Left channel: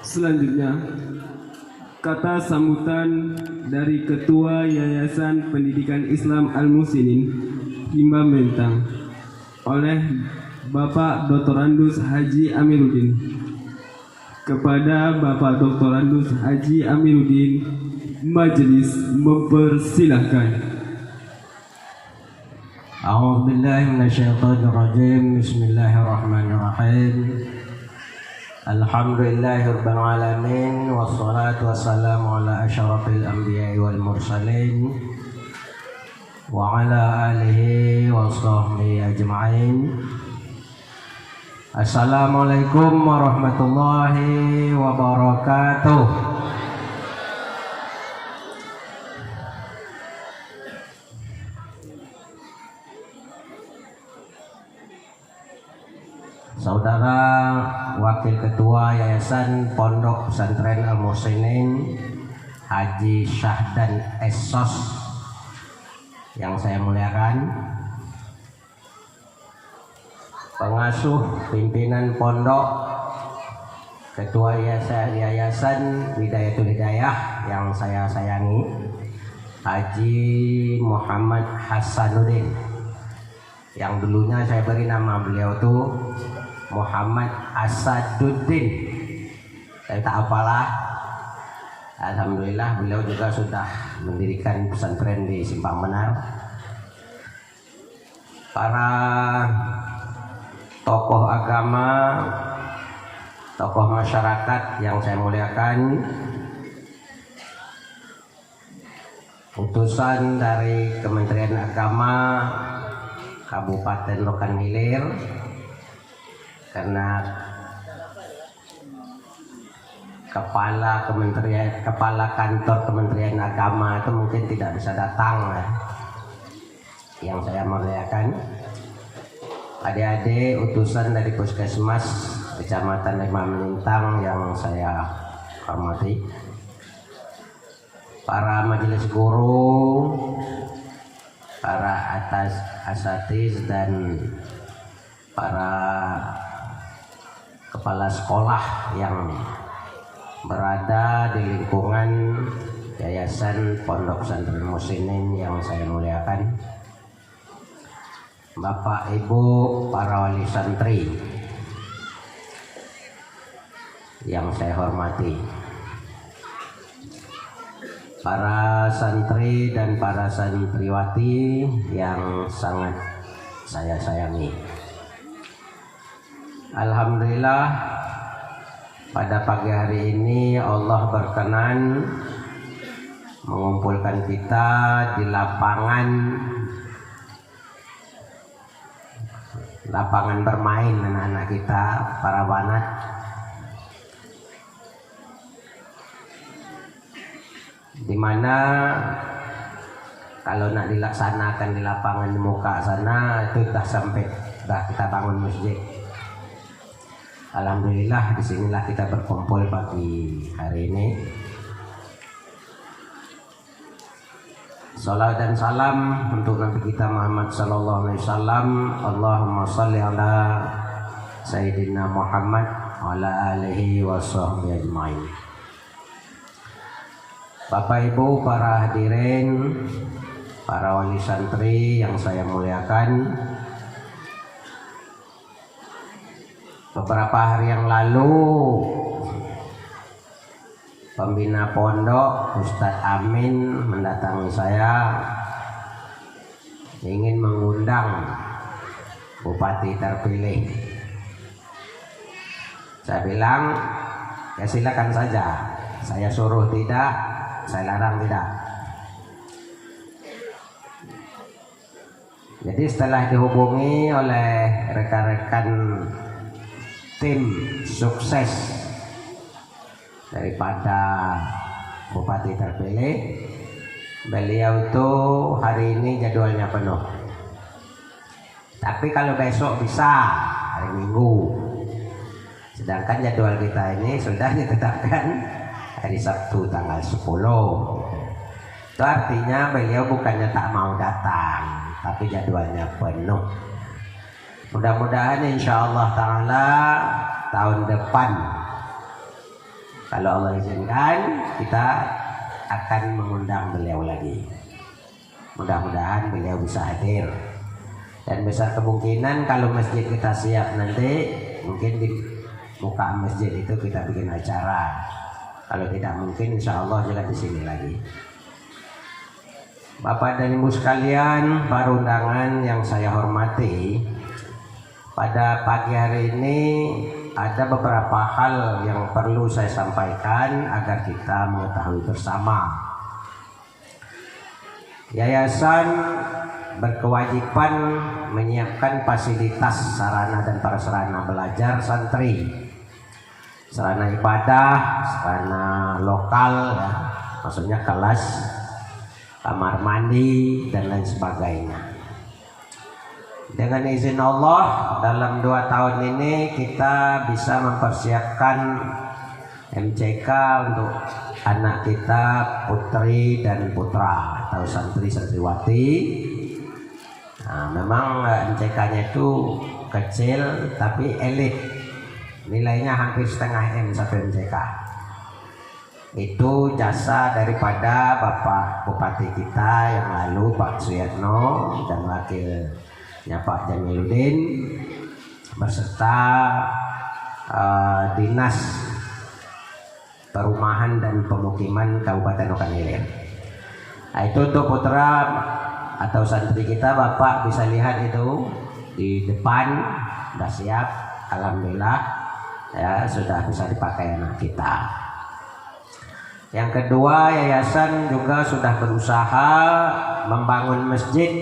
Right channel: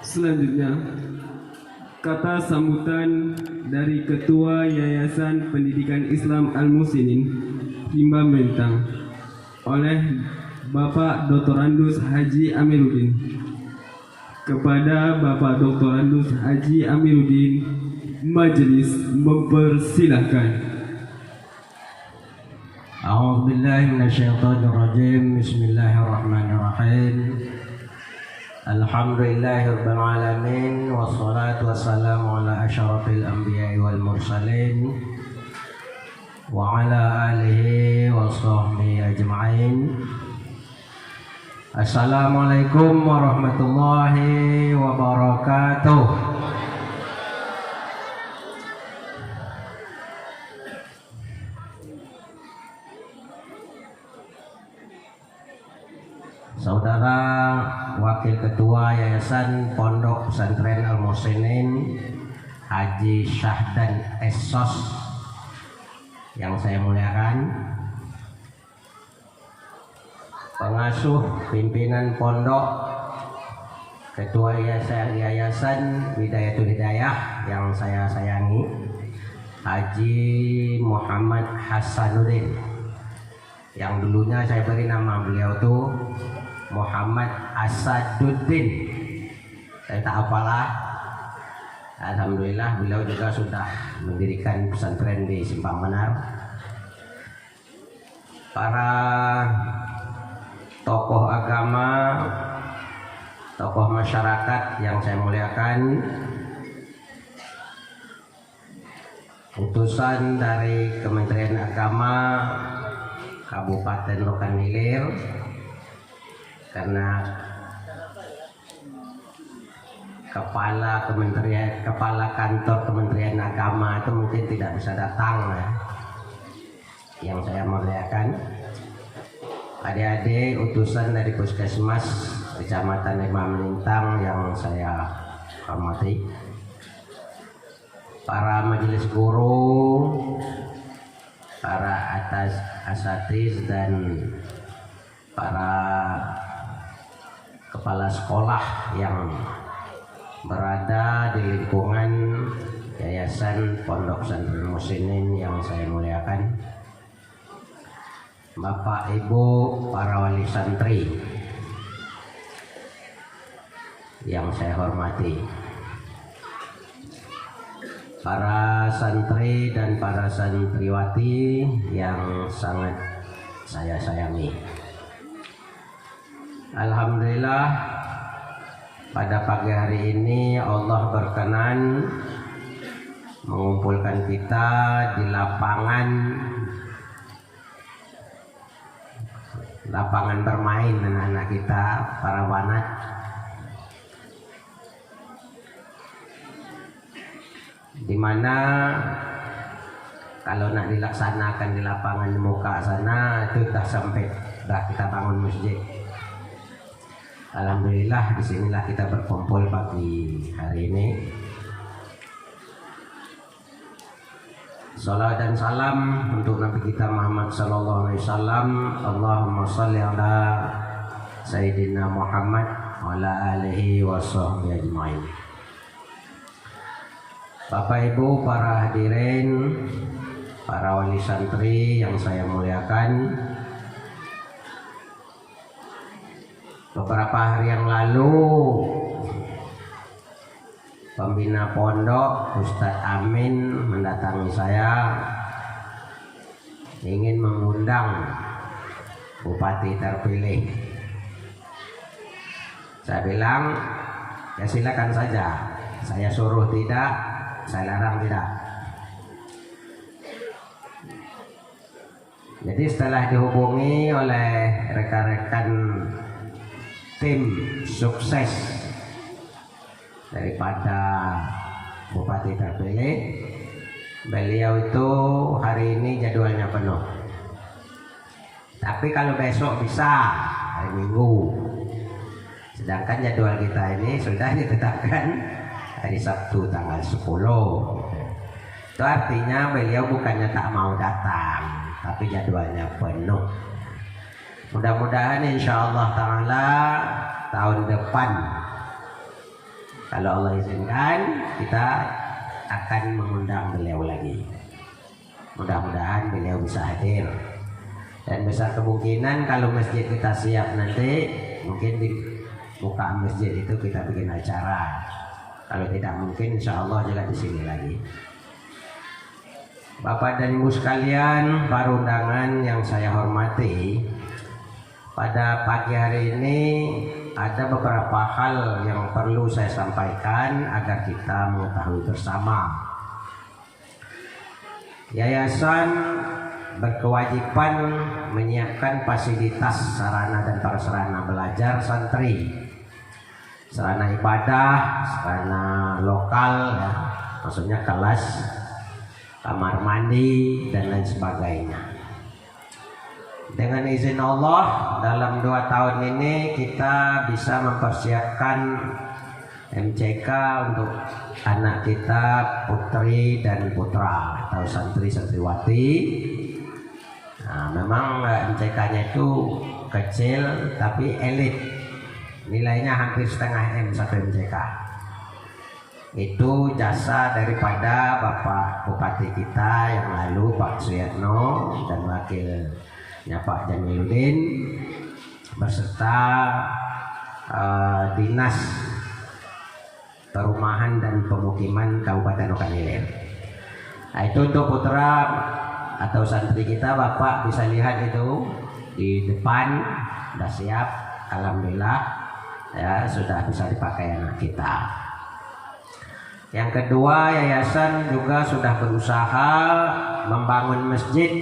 Selanjutnya, kata sambutan dari Ketua Yayasan Pendidikan Islam Al-Muslimin Rimba Melintang oleh Bapak Dr. Andus Haji Amiruddin. Kepada Bapak Dr. Andus Haji Amiruddin, majelis mempersilahkan. A'udzubillahi minasyaitonirrajim. Bismillahirrahmanirrahim. Alhamdulillahirabbil alamin wassalatu wassalamu ala asyrafil anbiya'i wal mursalin wa ala alihi wa sahbihi ajma'in. Assalamualaikum warahmatullahi wabarakatuh. Saudara Wakil Ketua Yayasan Pondok Pesantren Al-Muslimin Haji Syahdan Esos yang saya muliakan, pengasuh pimpinan pondok, Ketua Yayasan Widayatul Hidayah yang saya sayangi, Haji Muhammad Hasanuddin, yang dulunya saya beri nama beliau itu Muhammad Asaduddin. Saya tak apalah. Alhamdulillah beliau juga sudah mendirikan pesantren di Simpang Benar. Para tokoh agama, tokoh masyarakat yang saya muliakan, utusan dari Kementerian Agama Kabupaten Rokan Hilir, karena kepala kantor Kementerian Agama itu mungkin tidak bisa datang, yang saya muliakan. Adik-adik utusan dari Puskesmas Kecamatan Rimba Melintang yang saya hormati, para majelis guru, para asatiz dan para kepala sekolah yang berada di lingkungan Yayasan Pondok Pesantren Muslimin yang saya muliakan, Bapak Ibu para wali santri yang saya hormati, para santri dan para santriwati yang sangat saya sayangi. Alhamdulillah pada pagi hari ini Allah berkenan mengumpulkan kita di lapangan bermain anak-anak kita, para banat. Dimana kalau nak dilaksanakan di lapangan di muka sana itu sudah kita bangun masjid. Alhamdulillah disinilah kita berkumpul pagi hari ini. Salawat dan salam untuk Nabi kita Muhammad sallallahu alaihi wasallam. Allahumma shalli ala Sayyidina Muhammad wa ala alihi wa sahbihi ajma'in. Bapak Ibu para hadirin, para wali santri yang saya muliakan, beberapa hari yang lalu pembina pondok Ustadz Amin mendatangi saya ingin mengundang bupati terpilih. Saya bilang ya silakan saja, saya suruh tidak, saya larang tidak. Jadi setelah dihubungi oleh rekan-rekan tim sukses daripada bupati terpilih, beliau itu hari ini jadwalnya penuh. Tapi kalau besok bisa hari Minggu. Sedangkan jadwal kita ini sudah ditetapkan hari Sabtu tanggal 10. Itu artinya beliau bukannya tak mau datang, tapi jadwalnya penuh. Mudah-mudahan insya Allah ta'ala tahun depan Kalau Allah izinkan, kita akan mengundang beliau lagi. Mudah-mudahan beliau bisa hadir. Dan besar kemungkinan kalau masjid kita siap nanti, mungkin di muka masjid itu kita bikin acara. Kalau tidak mungkin, insya Allah juga di sini lagi. Bapak dan Ibu sekalian, para undangan yang saya hormati, pada pagi hari ini ada beberapa hal yang perlu saya sampaikan agar kita mengetahui bersama. Yayasan berkewajiban menyiapkan fasilitas sarana dan prasarana belajar santri, sarana ibadah, sarana lokal, ya, maksudnya kelas, kamar mandi dan lain sebagainya. Dengan izin Allah, dalam 2 tahun ini kita bisa mempersiapkan MCK untuk anak kita, putri dan putra atau santri santriwati. Nah, memang MCK-nya itu kecil tapi elit, nilainya hampir setengah M satu MCK. Itu jasa daripada Bapak Bupati kita yang lalu, Pak Suyatno, dan wakilnya Pak Jamiluddin beserta Dinas Perumahan dan Pemukiman Kabupaten Okan Ilir. Nah, itu untuk putra atau santri kita, Bapak bisa lihat itu di depan sudah siap, alhamdulillah ya, sudah bisa dipakai anak kita. Yang kedua, yayasan juga sudah berusaha membangun masjid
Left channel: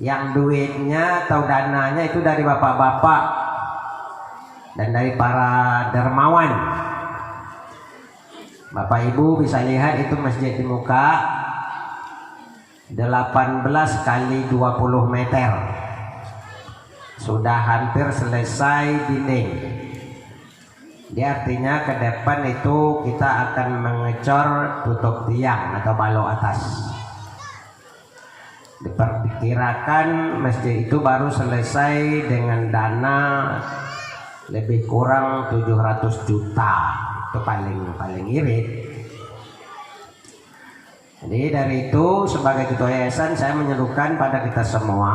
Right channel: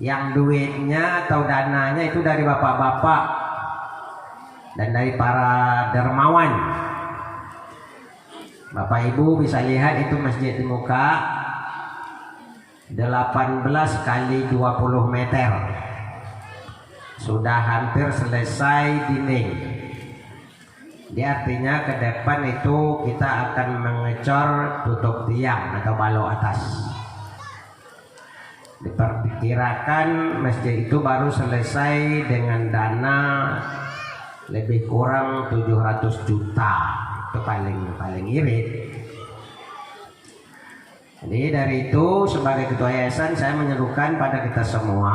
yang duitnya atau dananya itu dari bapak-bapak dan dari para dermawan. Bapak Ibu bisa lihat itu masjid di muka 18 kali 20 meter, sudah hampir selesai dinding. Dia artinya ke depan itu kita akan mengecor tutup tiang atau balok atas. Diperkirakan masjid itu baru selesai dengan dana lebih kurang 700 juta. Itu paling irit. Jadi dari itu sebagai ketua yayasan saya menyerukan pada kita semua,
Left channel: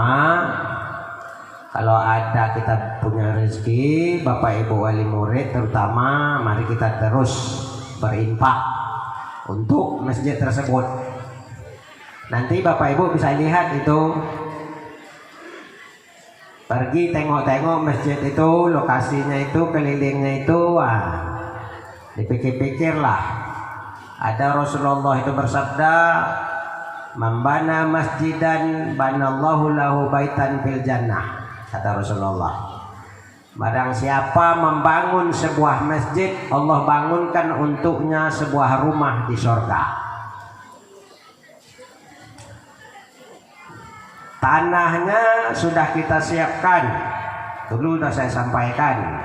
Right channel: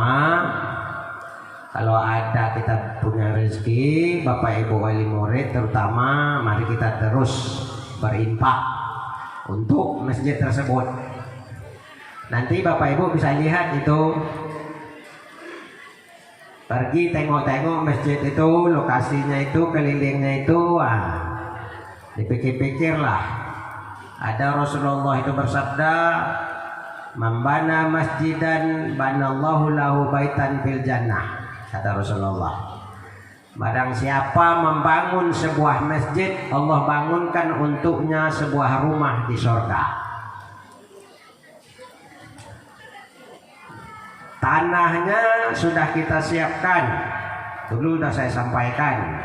kalau ada kita punya rezeki, Bapak Ibu wali murid terutama, mari kita terus berinfak untuk masjid tersebut. Nanti Bapak Ibu bisa lihat itu, pergi tengok-tengok masjid itu, lokasinya itu, kelilingnya itu, dipikir-pikirlah. Ada Rasulullah itu bersabda, "Man masjidan banallahu lahu baitan fil jannah." Kata Rasulullah, barang siapa membangun sebuah masjid, Allah bangunkan untuknya sebuah rumah di surga. Tanahnya sudah kita siapkan, dulu sudah saya sampaikan.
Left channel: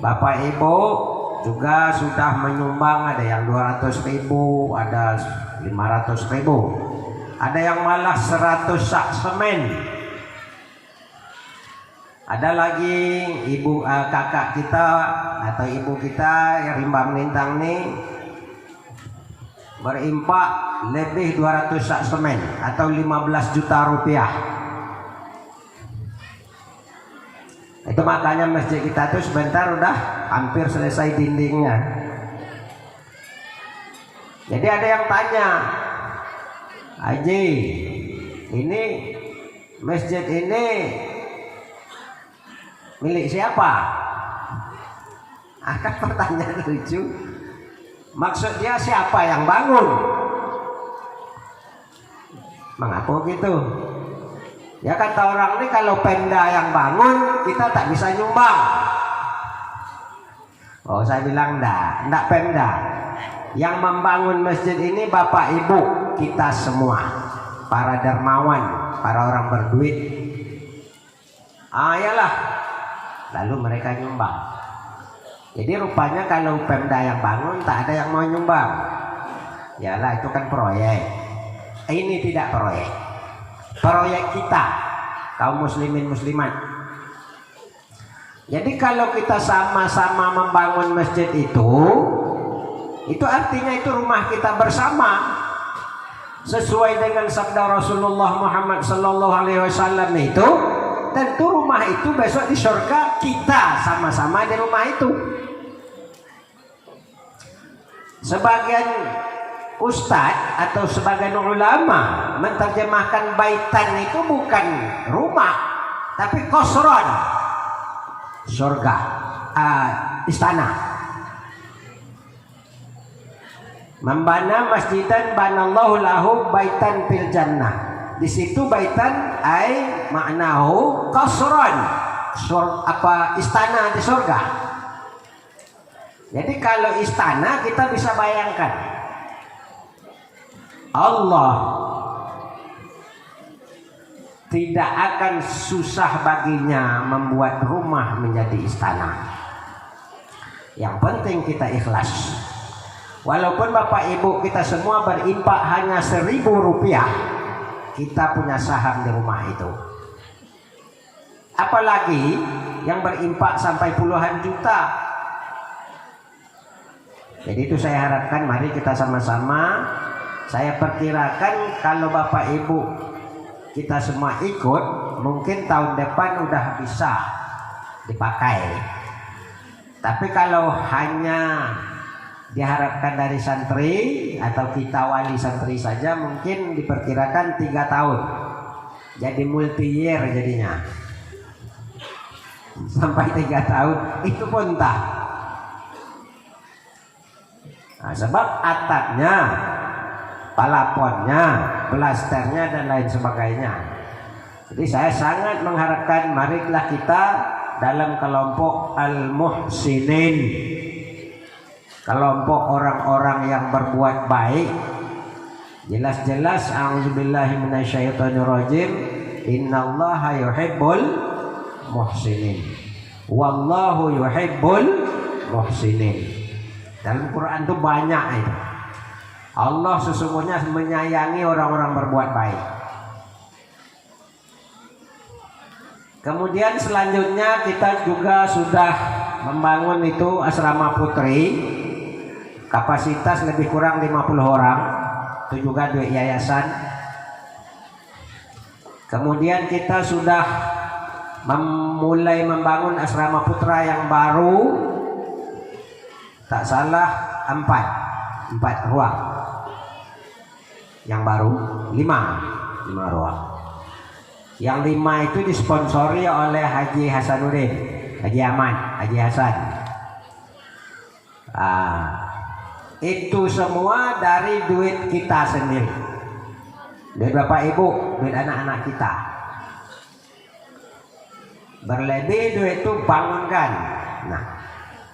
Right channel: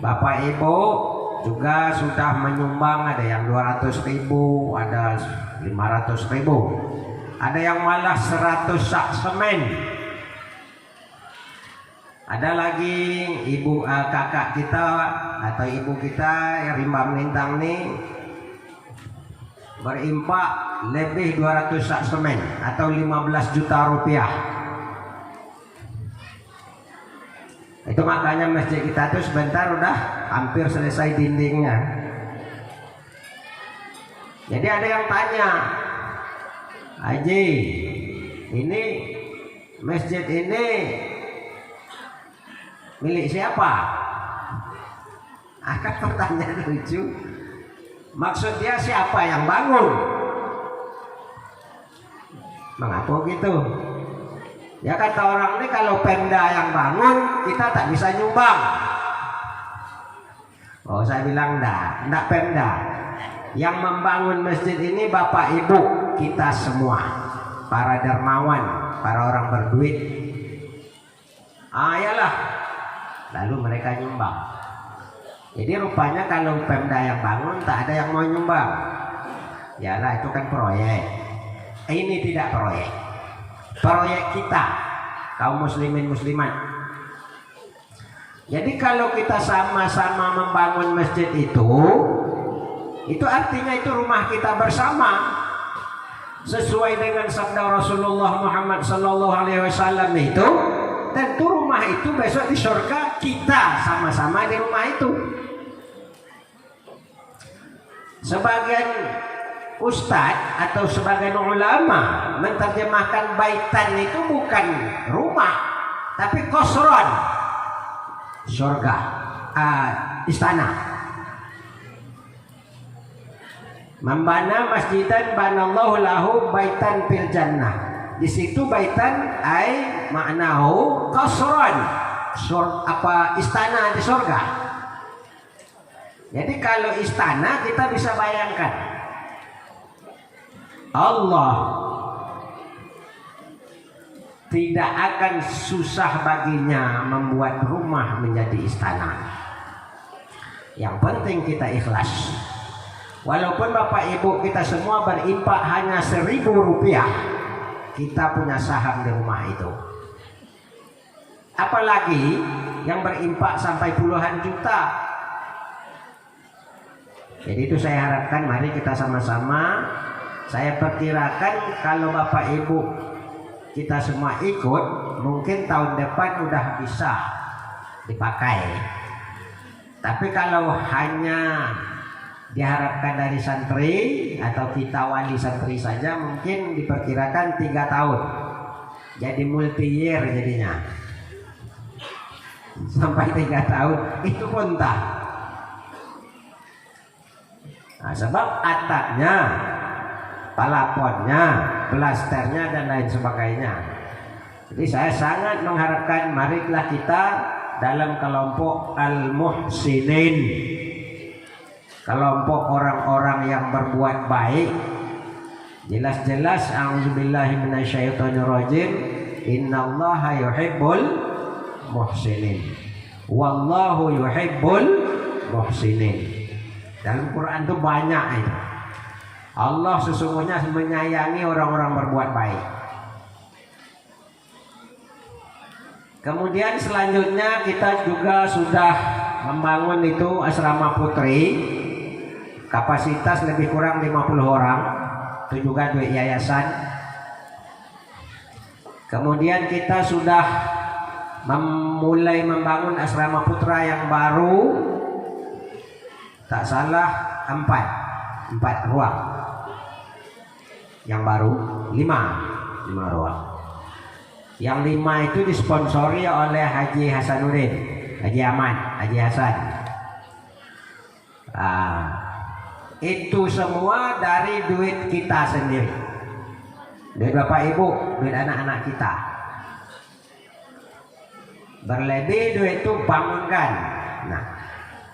Bapak Ibu juga sudah menyumbang, ada yang 200.000, ada 500.000, ada yang malah 100 sak semen. Ada lagi kakak kita atau ibu kita yang Rimba Melintang nih berimpak lebih 200 sak semen atau 15 juta rupiah. Itu makanya masjid kita tuh sebentar udah hampir selesai dindingnya. Jadi ada yang tanya, Haji, ini masjid ini milik siapa? Akan pertanyaan lucu. Maksud dia siapa yang bangun? Mengapa gitu? Ya kata orang ini, kalau Pemda yang bangun, kita tak bisa nyumbang. Oh, saya bilang enggak Pemda. Yang membangun masjid ini Bapak Ibu kita semua, para dermawan, para orang berduit. Yalah, lalu mereka nyumbang. Jadi rupanya kalau Pemda yang bangun, tak ada yang mau nyumbang. Yalah, itu kan proyek. Ini tidak proyek. Proyek kita, kaum muslimin muslimat. Jadi kalau kita sama-sama membangun masjid itu, Itu artinya itu rumah kita bersama. Sesuai dengan sabda Rasulullah Muhammad sallallahu alaihi wasallam itu, tentu rumah itu besok di surga kita sama-sama di rumah itu. Sebagian ustadz atau sebagian ulama menerjemahkan baitan itu bukan rumah, tapi qasran, surga, istana. Membana masjidan banallahu lahu baitan fil jannah. Di situ baitan ai maknahu qasran, istana di surga. Jadi kalau istana kita bisa bayangkan Allah tidak akan susah baginya membuat rumah menjadi istana. Yang penting kita ikhlas. Walaupun Bapak Ibu kita semua berimpak hanya 1.000 rupiah, kita punya saham di rumah itu. Apalagi yang berimpak sampai puluhan juta. Jadi itu saya harapkan mari kita sama-sama. Saya perkirakan kalau Bapak Ibu kita semua ikut, mungkin tahun depan udah bisa dipakai. Tapi kalau hanya diharapkan dari santri atau kita wali santri saja, mungkin diperkirakan 3 tahun. Jadi multi year jadinya. Sampai 3 tahun itu pun tak. Nah, sebab atapnya, palaponnya, plasternya dan lain sebagainya. Jadi saya sangat mengharapkan marilah kita dalam kelompok al-muhsinin, kelompok orang-orang yang berbuat baik. Jelas-jelas a'udzubillahi minasyaitonirrajim, innallaha yuhibbul muhsinin wallahu yuhibbul muhsinin. Dalam Quran itu banyak ini. Allah sesungguhnya menyayangi orang-orang berbuat baik. Kemudian selanjutnya kita juga sudah membangun itu asrama putri, kapasitas lebih kurang 50 orang. Itu juga duit yayasan. Kemudian kita sudah mulai membangun asrama putra yang baru, tak salah 4 ruang. Yang baru 5 ruang. Yang 5 itu disponsori oleh Haji Hasanuddin, Haji Ahmad, Haji Hasan. Itu semua dari duit kita sendiri, duit Bapak Ibu, duit anak-anak kita. Berlebih duit itu bangunkan. Nah,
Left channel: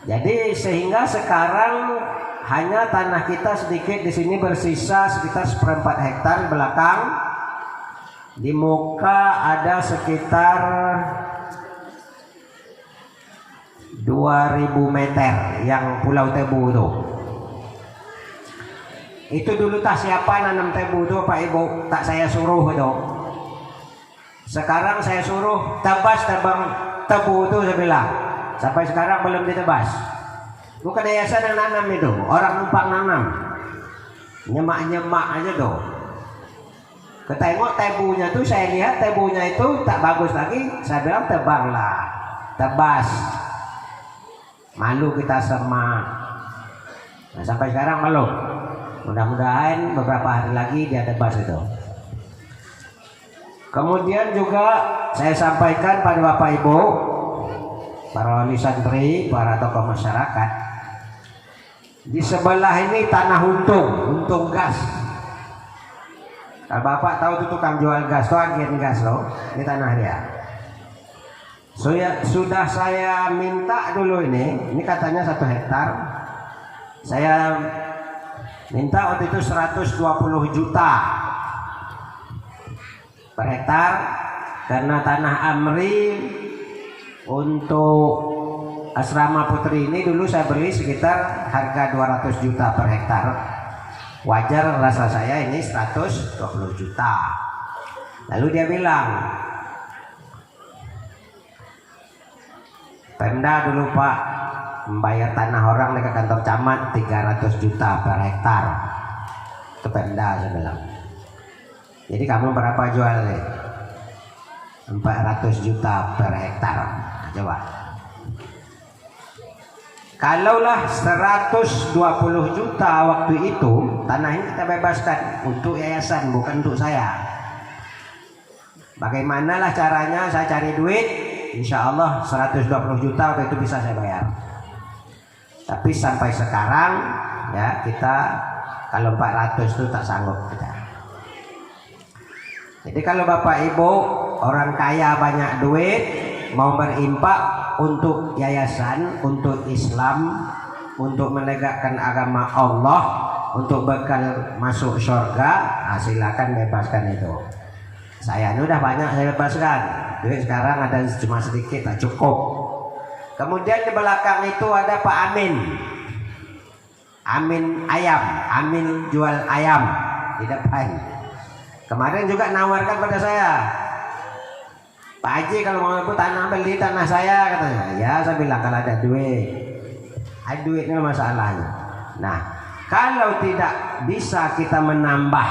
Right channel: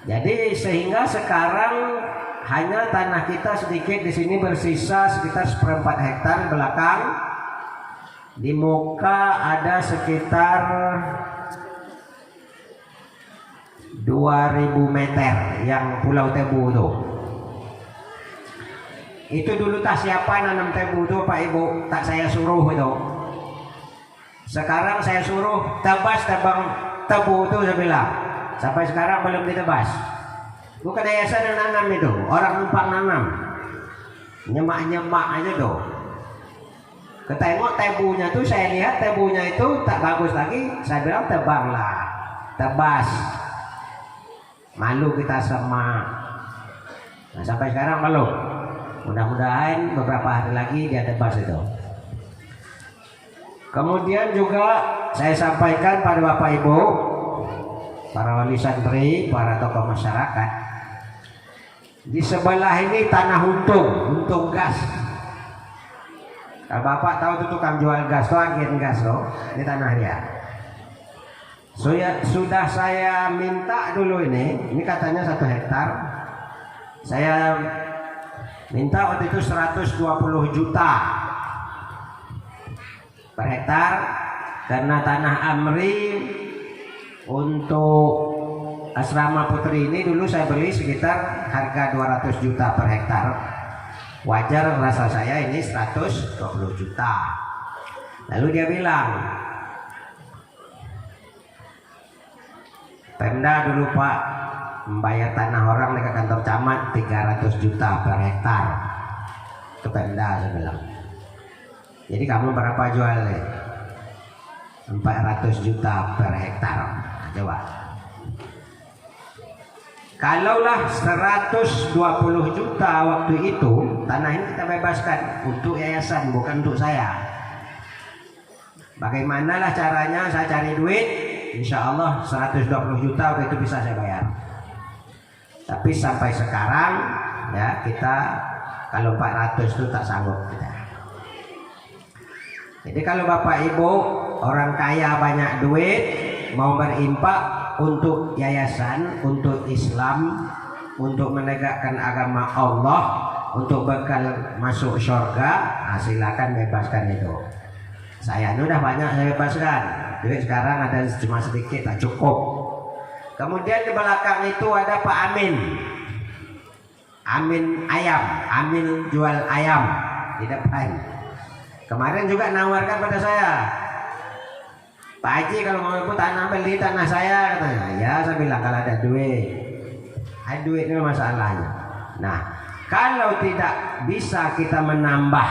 jadi sehingga sekarang hanya tanah kita sedikit di sini bersisa sekitar 1/4 hektar belakang. Di muka ada sekitar 2000 meter yang Pulau Tebu itu. Itu dulu tak siapa nanam tebu itu Pak Ibu, tak saya suruh itu. Sekarang saya suruh tebas tebang tebu itu, saya bilang. Sampai sekarang belum ditebas. Bukan yayasan yang nanam itu, orang numpang nanam. Nyemak-nyemak aja tuh. Ketengok tebunya tuh, saya lihat tebunya itu tak bagus lagi, saya bilang tebanglah, tebas. Malu kita sama. Nah, sampai sekarang belum. Mudah-mudahan beberapa hari lagi dia tebas itu. Kemudian juga saya sampaikan pada Bapak Ibu, para wali santri, para tokoh masyarakat, di sebelah ini tanah untung gas. Kalau Bapak tahu itu tukang jual gas, agen gas loh, ini tanah dia. Sudah saya minta dulu ini katanya 1 hektar. Saya minta waktu itu 120 juta per hektar, karena tanah Amri untuk asrama putri ini dulu saya beli sekitar harga 200 juta per hektar. Wajar rasa saya ini 120 juta. Lalu dia bilang, Pemda dulu Pak membayar tanah orang dekat kantor camat 300 juta per hektar. Itu Pemda saya bilang. Jadi kamu berapa jualnya? 400 juta per hektar. Coba. Kalaulah 120 juta waktu itu, tanah ini kita bebaskan untuk yayasan, bukan untuk saya. Bagaimanalah caranya saya cari duit? Insya Allah 120 juta waktu itu bisa saya bayar. Tapi sampai sekarang ya kita kalau 400 itu tak sanggup kita. Jadi kalau Bapak Ibu orang kaya banyak duit mau berimpak untuk yayasan, untuk Islam, untuk menegakkan agama Allah, untuk bekal masuk surga, silakan bebaskan itu. Saya ini udah banyak saya bebaskan. Duit sekarang ada cuma sedikit, tak cukup. Kemudian di belakang itu ada Pak Amin. Amin ayam, Amin jual ayam di depan. Kemarin juga nawarkan pada saya, Pak Haji kalau mau tanah beli tanah saya katanya. Ya saya bilang kalau ada duit, ada duitnya masalahnya. Nah kalau tidak bisa kita menambah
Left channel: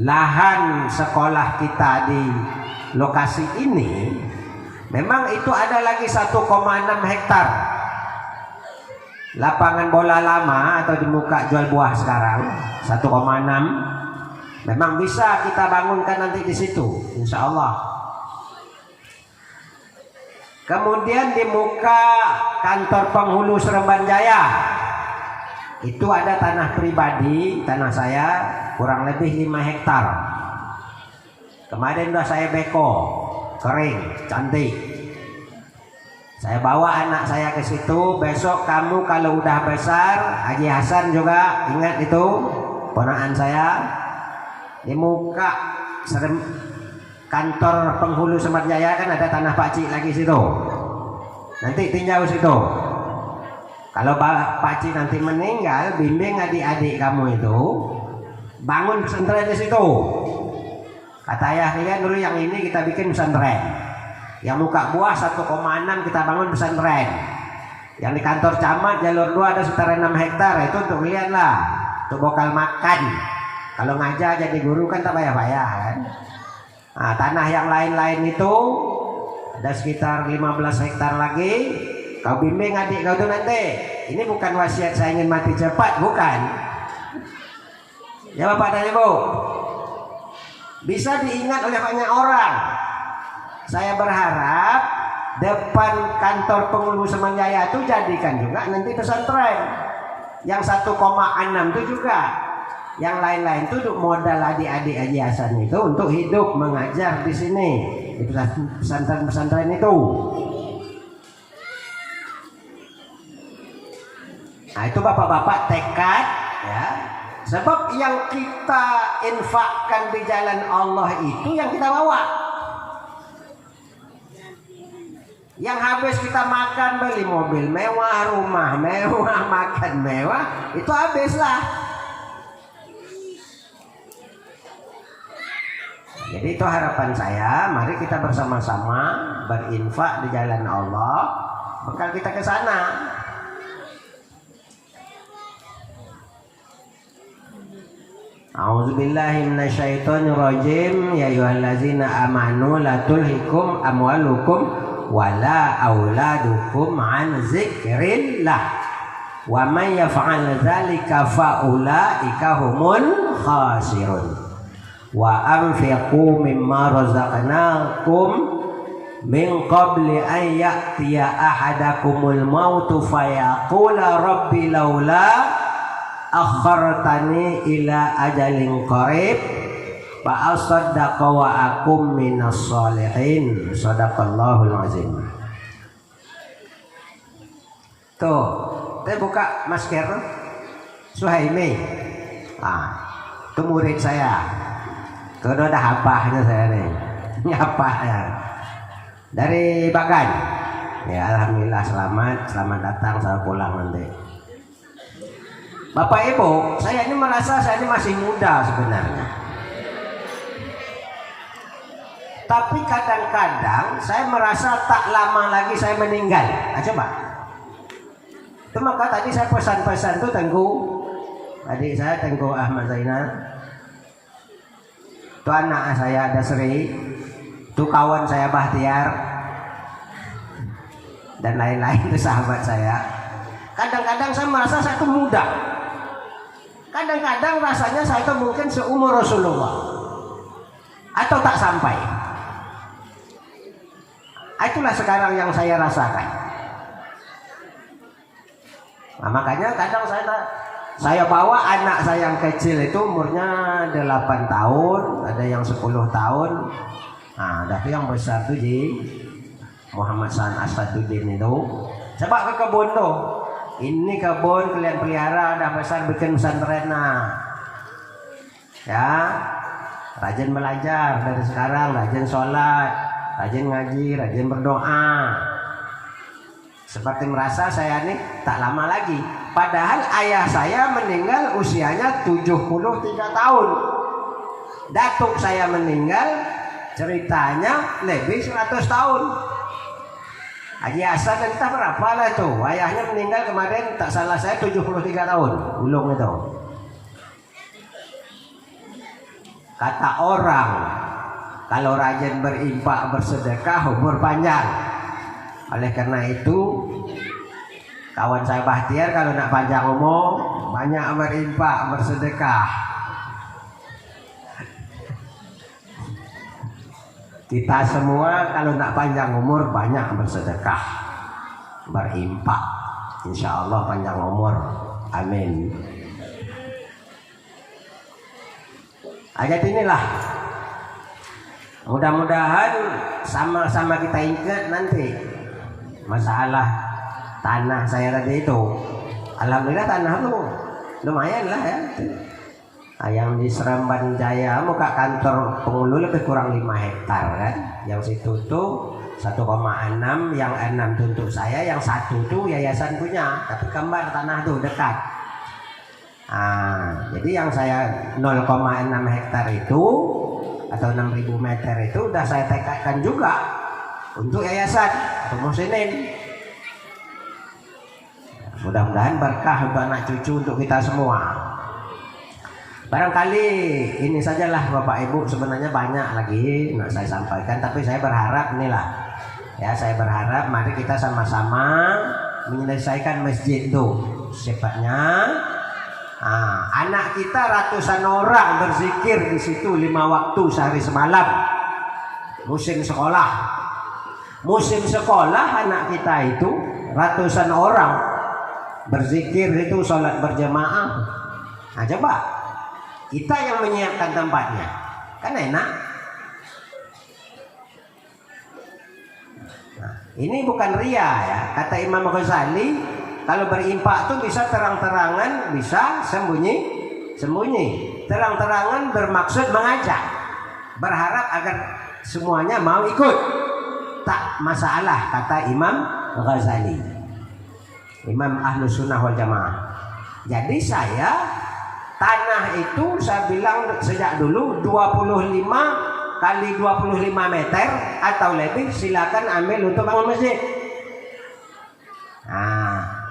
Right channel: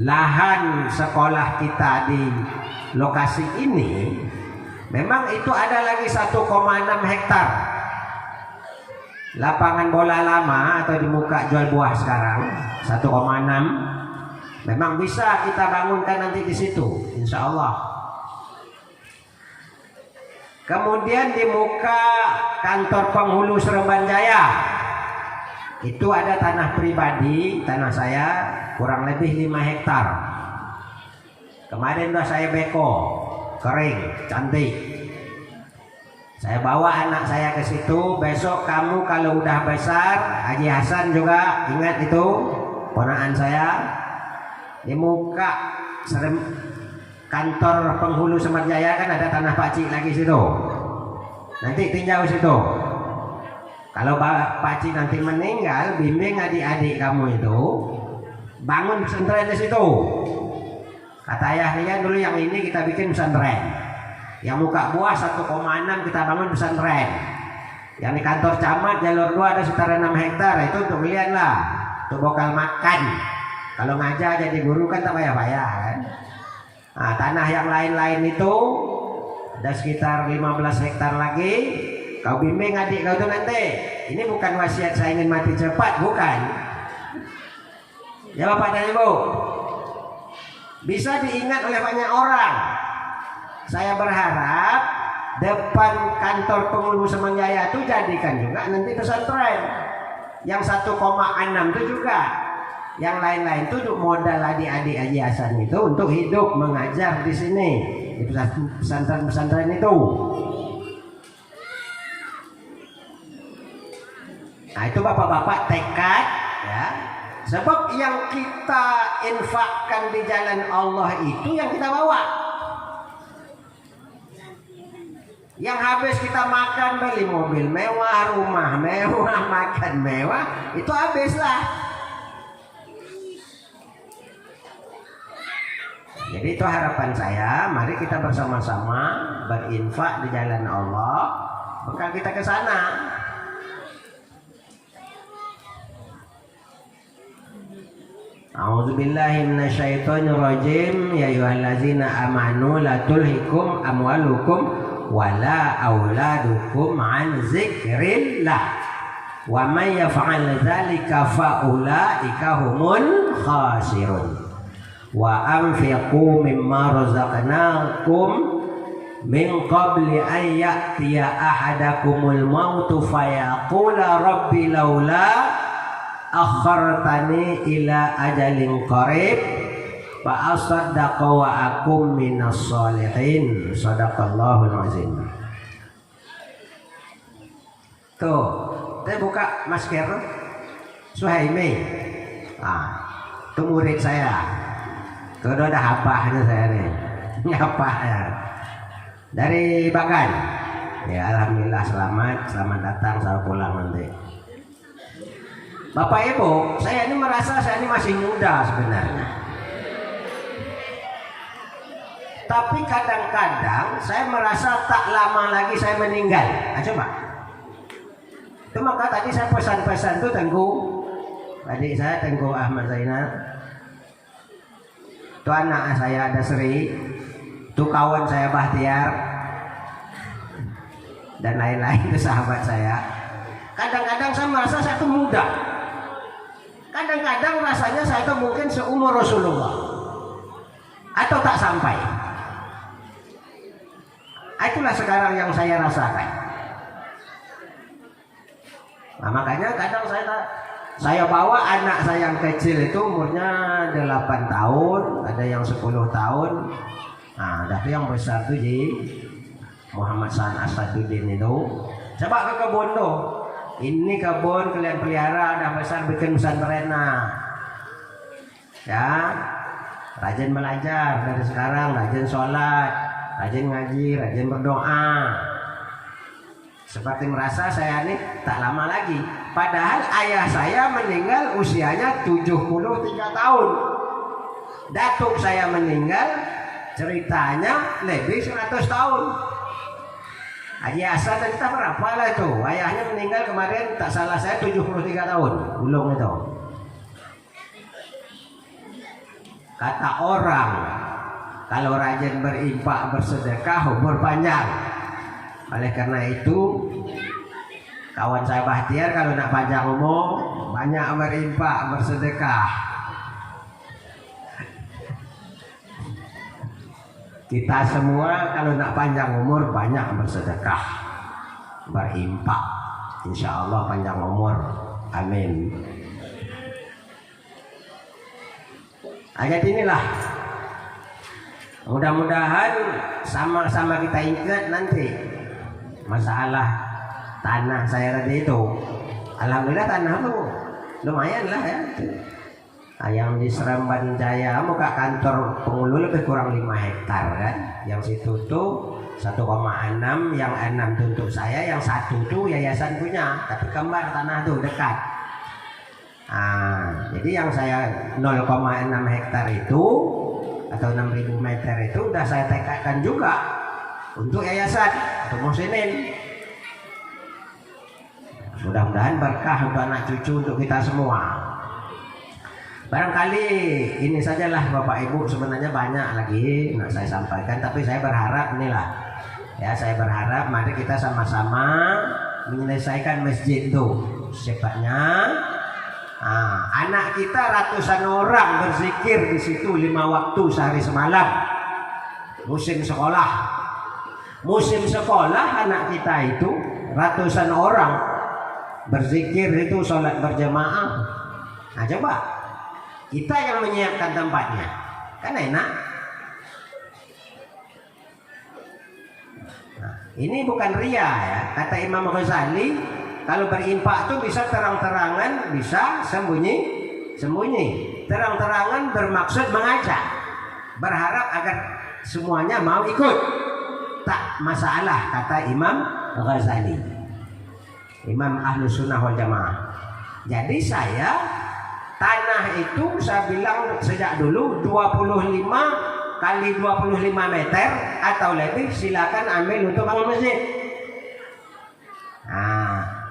lahan sekolah kita di lokasi ini, memang itu ada lagi 1,6 hektar lapangan bola lama atau di muka jual buah sekarang 1,6, memang bisa kita bangunkan nanti di situ, insya Allah. Kemudian di muka kantor penghulu Seremban Jaya itu ada tanah pribadi, tanah saya kurang lebih 5 hektar. Kemarin udah saya beko, kering, cantik. Saya bawa anak saya ke situ. Besok kamu kalau udah besar, Haji Hasan juga ingat itu, ponakan saya. Di muka kantor penghulu Seremban Jaya kan ada tanah Pak Cik lagi situ. Nanti tinjau situ. Kalau Pak Cik nanti meninggal, bimbing adik-adik kamu itu bangun pesantren di situ. Kata ayah kalian dulu yang ini kita bikin pesantren. Yang muka buah 1,6 kita bangun pesantren. Yang di kantor camat jalur 2 ada sekitar 6 hektar. Itu untuk kalian lah, untuk bekal makan. Kalau ngajar jadi guru kan tak bayar-bayar kan. Nah, tanah yang lain-lain itu ada sekitar 15 hektar lagi. Kau bimbing adik kau itu nanti. Ini bukan wasiat saya ingin mati cepat, bukan. Ya Bapak dan Ibu, bisa diingat oleh banyak orang. Saya berharap depan kantor penghulu Seremban Jaya itu jadikan juga nanti pesantren. Yang 1,6 itu juga. Yang lain-lain itu untuk modal adik-adik Haji Hasan itu untuk hidup mengajar di sini. Itu pesantren-pesantren itu. Nah itu bapak-bapak tekad ya. Sebab yang kita infakkan di jalan Allah itu yang kita bawa. Yang habis kita makan, beli mobil mewah, rumah mewah, makan mewah, itu habislah. Jadi itu harapan saya, mari kita bersama-sama berinfak di jalan Allah, bekal kita ke sana. A'udzubillahi minasyaitonirrajim. Ya ayyuhallazina amanu la tulhikum amwalukum wala auladukum an zikrillah wa man yaf'al dzalika faulaika humul khasirun wa anfiqu mimma razaqnakum min qabli an ya'tiya ahadakumul mautu fayaqula rabbi laula akhartani ila ajalin qarib fa asaddaqa wa akum minas sholihin. Shadaqallahul azim. Tuh, saya buka masker Suhaimi. Itu murid saya. Tuh udah hafahnya saya nih. Ini hafah ya. Dari Bagan. Ya alhamdulillah selamat datang, selamat pulang nanti. Bapak Ibu, saya ini merasa saya ini masih muda sebenarnya. Tapi kadang-kadang saya merasa tak lama lagi saya meninggal. Nah, coba. Itu maka tadi saya pesan-pesan tuh Tengku, adik saya Tengku Ahmad Zainal, itu anak saya Dasri, itu kawan saya Bahtiar, dan lain-lain itu sahabat saya. Kadang-kadang saya merasa saya itu muda. Kadang-kadang rasanya saya itu mungkin seumur Rasulullah atau tak sampai. Itulah sekarang yang saya rasakan. Nah, makanya kadang saya bawa anak saya yang kecil itu umurnya 8 tahun, ada yang 10 tahun. Nah, ada tuh yang besar tuh di Muhammad San Asaduddin itu. Coba ke kebun tuh. Ini kebun kalian pelihara, dah besar bikin pesantren. Ya, rajin belajar dari sekarang, rajin sholat, rajin ngaji, rajin berdoa. Seperti merasa saya ini tak lama lagi. Padahal ayah saya meninggal usianya 73 tahun. Datuk saya meninggal ceritanya lebih 100 tahun. Haji Hasan entah berapa lah itu. Ayahnya meninggal kemarin tak salah saya 73 tahun. Ulung itu. Kata orang, kalau rajin berinfak bersedekah umur panjang. Oleh karena itu, kawan saya Bahtiar kalau nak panjang umur banyak berinfak bersedekah. Kita semua kalau nak panjang umur banyak bersedekah, berinfak. Insya Allah panjang umur. Amin. Ayat inilah mudah-mudahan sama-sama kita ingat nanti masalah tanah saya tadi itu. Alhamdulillah tanah itu lumayan lah ya. Yang di Seremban Jaya muka kantor penghulu lebih kurang 5 hektar kan. Yang situ tuh 1,6, yang 6 untuk saya, yang 1 tuh yayasan punya. Tapi kembar tanah tuh dekat. Jadi yang saya 0,6 hektar itu atau 6.000 meter itu udah saya tekadkan juga untuk yayasan atau musinin. Mudah-mudahan berkah untuk anak cucu untuk kita semua. Barangkali ini sajalah Bapak Ibu, sebenarnya banyak lagi nak saya sampaikan, tapi saya berharap inilah ya, saya berharap mari kita sama-sama menyelesaikan masjid itu secepatnya. Anak kita ratusan orang berzikir di situ 5 waktu sehari semalam. Musim sekolah anak kita itu ratusan orang berzikir itu, sholat berjamaah. Nah, coba kita yang menyiapkan tempatnya, kan enak. Nah, ini bukan ria ya. Kata Imam Ghazali, kalau berimpak itu bisa terang-terangan, bisa sembunyi. Terang-terangan bermaksud mengajak, berharap agar semuanya mau ikut. Tak masalah, kata Imam Ghazali, Imam Ahlus Sunnah wal Jamaah. Jadi saya tanah itu saya bilang sejak dulu 25 kali 25 meter atau lebih silakan ambil untuk bangun masjid.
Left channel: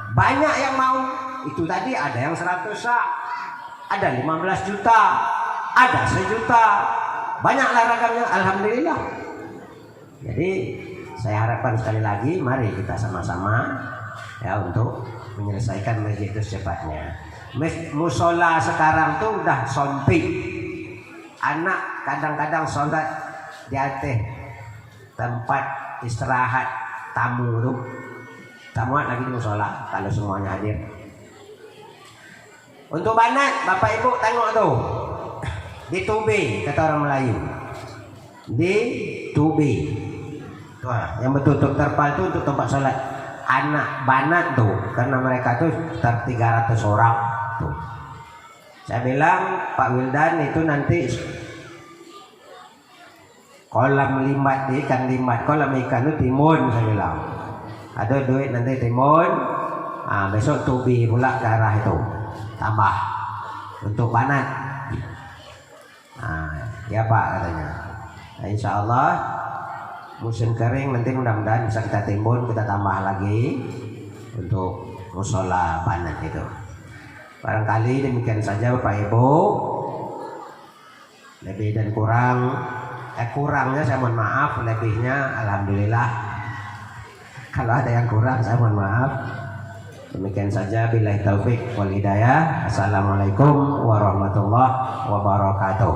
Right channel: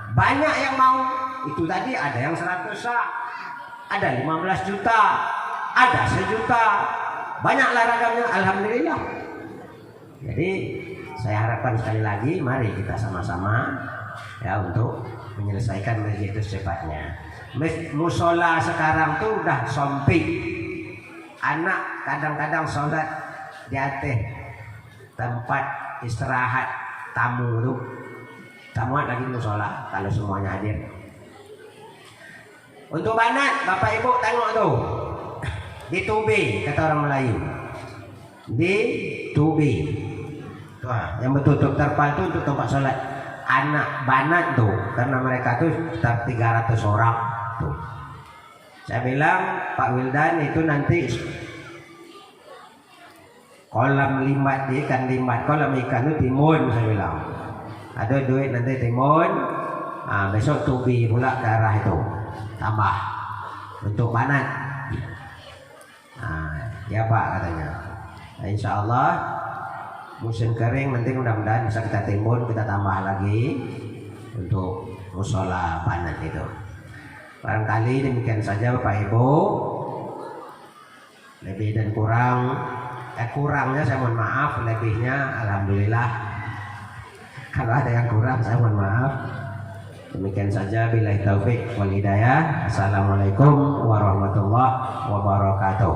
Banyak yang mau. Itu tadi ada yang 100 sak, ada 15 juta, ada 1 juta. Banyaklah ragamnya, alhamdulillah. Jadi saya harapkan sekali lagi mari kita sama-sama ya untuk menyelesaikan masjid itu secepatnya. Musola sekarang tuh udah sompik. Anak kadang-kadang sholat di atas tempat istirahat tamu tuh. Tamu lagi di musola kalau semuanya hadir. Untuk banat Bapak Ibu tengok tuh. Di Tubi kata orang Melayu. Di Tubi. Tuh, yang betul-betul terpal tuh untuk tempat sholat. Anak banat tuh karena mereka tuh sekitar 300 orang. Tuh. Saya bilang Pak Wildan itu nanti kolam limbat ikan limbat, kolam ikan itu timun, saya bilang ada duit nanti timun. Besok Tubi pula ke arah itu tambah untuk banat. Ya Pak katanya. Nah, insya Allah musim kering nanti mudah-mudahan bisa kita timbun, kita tambah lagi untuk musola panen itu. Barangkali demikian saja Bapak Ibu. Lebih dan kurangnya saya mohon maaf, lebihnya alhamdulillah. Kalau ada yang kurang saya mohon maaf. Demikian saja, billahi taufik wal hidayah. Assalamualaikum warahmatullahi wabarakatuh.